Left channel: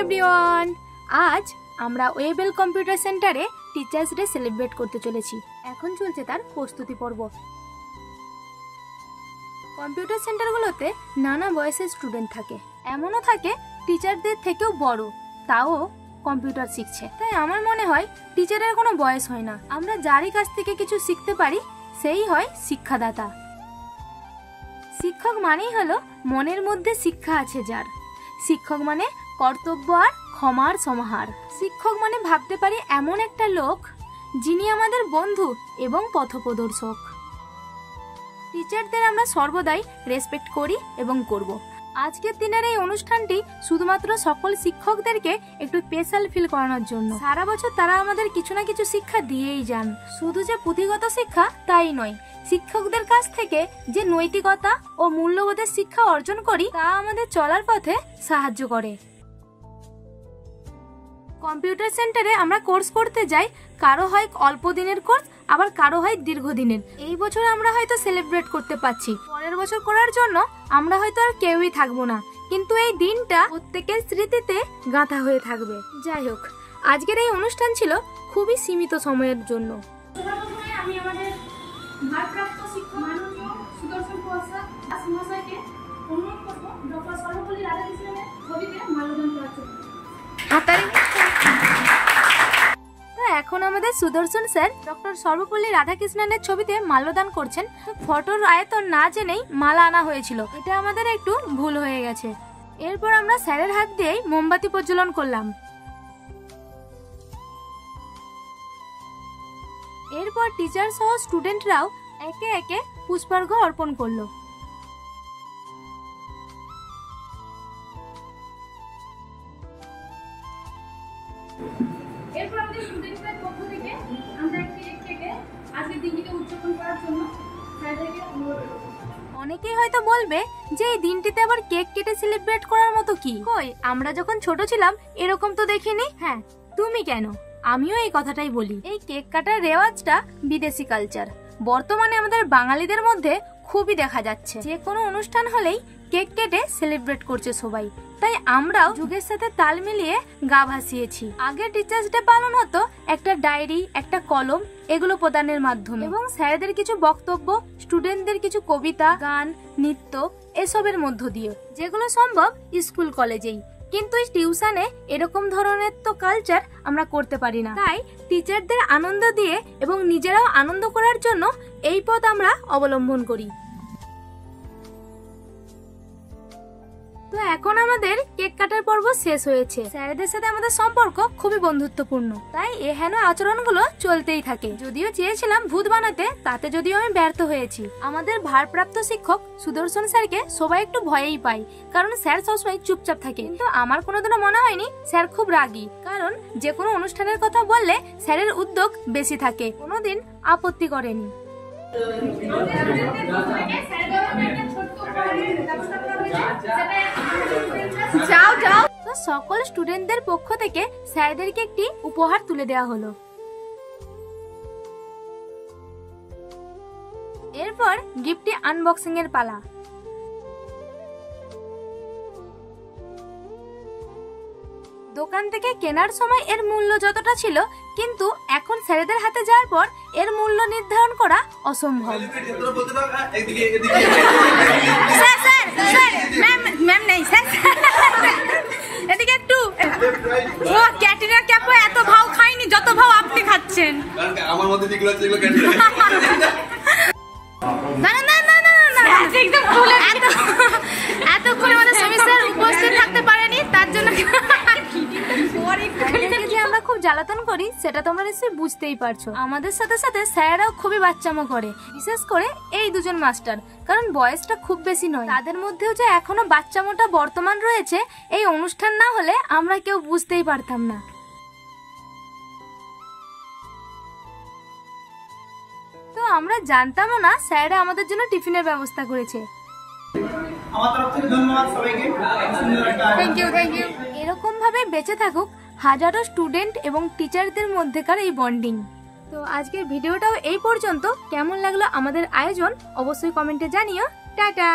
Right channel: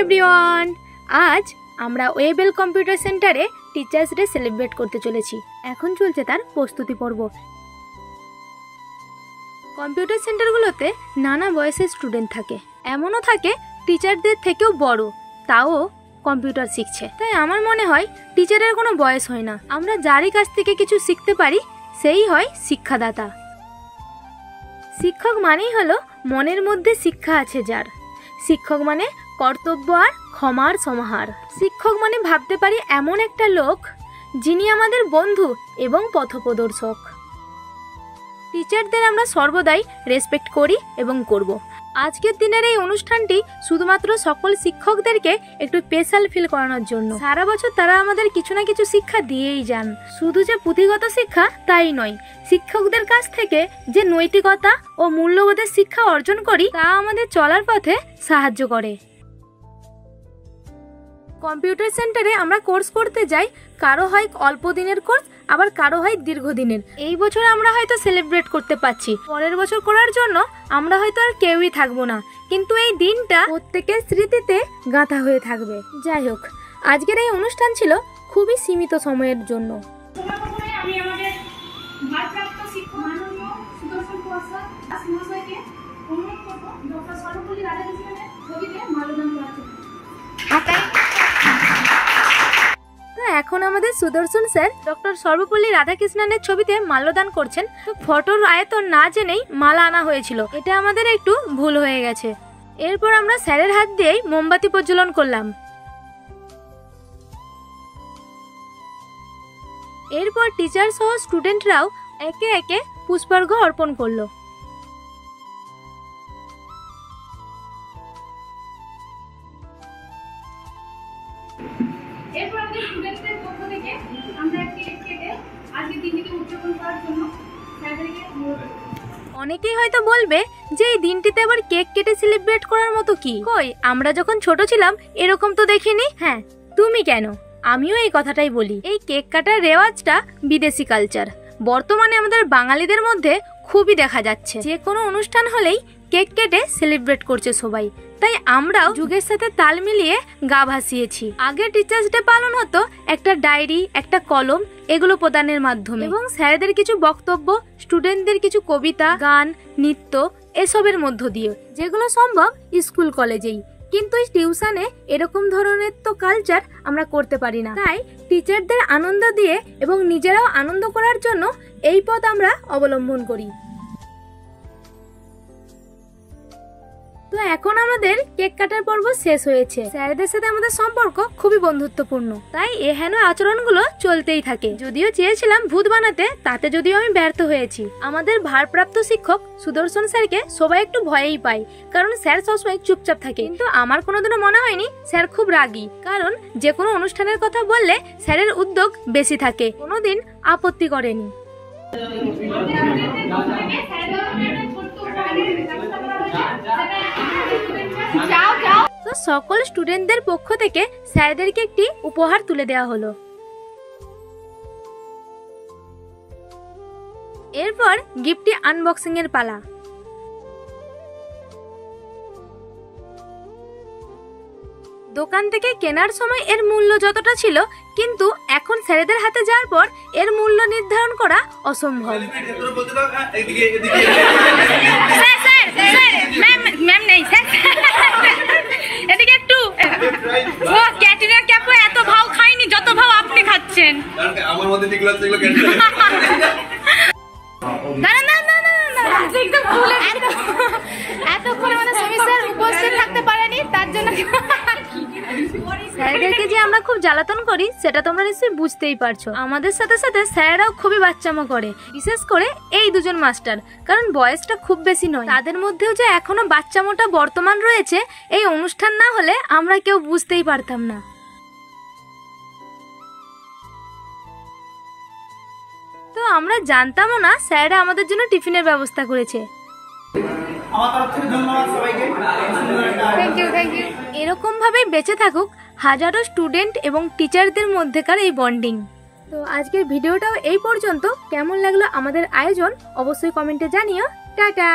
Everyone, আজ আমরা Wavell computer সেন্টারে টিচার্স ডে সেলিব্রেট করতে চলেছি। এখন চলছে তার প্রস্তুতি পর্ব। কম্পিউটার সেন্টারগুলোতে নানা বয়সের স্টুডেন্ট থাকে, এমনও থাকে টিচারদের থেকেও বড়, তাও কম্পিউটার শিখছে। তাই আমার মনে হয় টিচারের কোনো বয়স হয় না। আমরা যারই কাছ থেকে কিছু শিখতে পারি সেই হয় শিক্ষাদাতা। শিক্ষক মানেই হলো মনের মধ্যে শিক্ষা আছে যার। শিক্ষক মানে কর্তব্য আর ক্ষমার সমাহার। শিক্ষক মানে ভাবতে পারি এমন একটা লোক যিনি আমাদের বন্ধু এবং পথপ্রদর্শক। টিচারদের আমরা সর্বদাই রেসপেক্ট করি এবং করব। আজকের দিনের এই অনুষ্ঠানটি শুধুমাত্র সকল শিক্ষকদেরকে একটু স্পেশাল ফিল করানোর জন্য। সারা বছর তারা আমাদের কিছু না কিছু শিক্ষা দিয়েই যান। শুধু যে পুঁথিগত শিক্ষা তাই নয়, শিক্ষকদের কাছ থেকে যে নৈতিকতা ও মূল্যবোধের শিক্ষা অর্জন করি তা আমাদের চলার পথে সাহায্য করে। কম্পিউটার সেন্টারে আমরা কোর্স করতে যাই, কারো হয় অল্প দিনের কোর্স, আবার কারো হয় দীর্ঘদিনের। এই বছর আমরা হয়তো সেলিব্রেট করতে পারছি, পরের বছর করার জন্য আমরা হয়তো আর কেউই থাকবো না, কিন্তু এই দিনটা প্রত্যেকের স্মৃতিতে গাঁথা হয়ে থাকবে। যাই হোক, আজকের এই অনুষ্ঠান ছিল খুবই সীমিত সময়ের জন্য। আমি আমাদের ভারপ্রাপ্ত শিক্ষক মাননীয় সুদর্শন মহাশয়কে অনুরোধ করব ডক্টর সর্বপল্লী রাধাকৃষ্ণনের ছবিতে মাল্যদান করার জন্য। এখন আমাদের সুদর্শন স্যার ডক্টর সর্বপল্লী রাধাকৃষ্ণনের ছবিতে মাল্যদান করছেন। তো ফটোর আয়তন না জেনেই মালা আনা হয়েছিল, এটা আমাদের একটু ভুল হয়ে গেছে। এরপর আমরা স্যারের হাত দিয়েই মোমবাতি প্রজ্বলন করলাম। এরপর টিচার সহ স্টুডেন্টরাও একে একে পুষ্পার্ঘ্য অর্পণ করলো। এরপর আমাদের স্টুডেন্টদের পক্ষ থেকে আমরা একটি কেক কেটে আজকের দিনটিকে উদযাপন করার জন্য স্যারদেরকে অনুরোধ করব। অনেকেই হয়তো বলবে যে এই দিনটিতে আবার কেক কেটে সেলিব্রেট করার মতো কি? কই, আমরা যখন ছোট ছিলাম এরকম তো দেখিনি। হ্যাঁ, তুমি কেন, আমিও এই কথাটাই বলি। এই কেক কাটার রেওয়াজটা বিদেশি কালচার, বর্তমানে আমাদের বাঙালিদের মধ্যে খুবই দেখা যাচ্ছে। যে কোনো অনুষ্ঠান হলেই কেক কেটে সেলিব্রেট করছে সবাই, তাই আমরাও যুগের সাথে তাল মিলিয়ে গা ভাসিয়েছি। আগে টিচার্স ডে পালন হতো একটা ডায়েরি, একটা কলম, এগুলো প্রদানের মাধ্যমে, এবং স্যারদের কিছু বক্তব্য, স্টুডেন্টদের কিছু কবিতা, গান, নৃত্য এসবের মধ্য দিয়ে, যেগুলো সম্ভব স্কুল কলেজেই। কিন্তু টিউশনে এরকম ধরনের তো কালচার আমরা করতে পারি না। তাই টিচারদের আনন্দ দিয়ে এবং নিজেরাও আনন্দ করার জন্য এই পথ আমরা অবলম্বন করি। তো এখন আমাদের কেক কাটার পর্ব শেষ হয়েছে। স্যারদের সাথে আমাদের সম্পর্ক খুবই বন্ধুত্বপূর্ণ, তাই এহেন আচরণগুলো চলতেই থাকে। যদিও চেয়েছিলাম ভূত বানাতে, তাতে যদিও আমি ব্যর্থ হয়েছি। আমাদের ভারপ্রাপ্ত শিক্ষক সুদর্শন স্যারকে সবাই একটু ভয়েই পায়, কারণ স্যার সবসময় চুপচাপ থাকে। কিন্তু আমার কোনোদিনও মনে হয়নি স্যার খুব রাগী, কারণ যে কোনো অনুষ্ঠানের কথা বললে স্যারের উদ্যোগ বেশি থাকে, কোনোদিন আপত্তি করেনি। তো সকল স্টুডেন্টদের পক্ষ থেকে স্যারদেরকে একটি উপহার তুলে দেওয়া হলো। এরপর গিফটটি আনবক্সিং এর পালা। দোকান থেকে কেনার সময় এর মূল্য যতটা ছিল, কিন্তু এখন স্যারেদের হাতে যাওয়ার পর এর মূল্য নির্ধারণ করা অসম্ভব। ম্যাম নেই স্যার, এদিকে একটু। ও ক্যাটেরিং ক্যাপও এত ভাও খাইনি যত ভাও আপনি খাচ্ছেন। আমার মধ্যে যেগুলো আছে সেগুলো ক্যাটেরিং। না না না না না, একদম ভুলে এতক্ষণ আমাদের সমস্যার উপস্থিত থাকতে পারেনি, তার জন্য স্যারদেরকে যে আমরা খুব জ্বালাতন করি সেটা তোমরা নিশ্চয়ই বুঝতেই পারছো। আমাদের সাথে সাথে স্যাররাও খুবই বাচ্চামো করে, বিশেষ করে এই দুজন মাস্টার, কারণ বয়সটা খুব বেশি নয়। তাদের মধ্যেও যে এখনো বাচ্চামোটা বর্তমান রয়েছে, এই অনুষ্ঠান না হলে আমরা কেউ বুঝতেই পারতাম না। তো আমরা জানতামও না স্যাররা আমাদের জন্য টিফিনের ব্যবস্থা করেছে। এরকম ভাবে বেঁচে থাকুক হাজারো স্টুডেন্ট এবং টিচারদের মধ্যেকার এই বন্ডিং। তো আজকের ভিডিওটাও এই পর্যন্ত। কেমন লাগলো আমাদের আয়োজন অবশ্যই কমেন্টে জানিও। টাটা।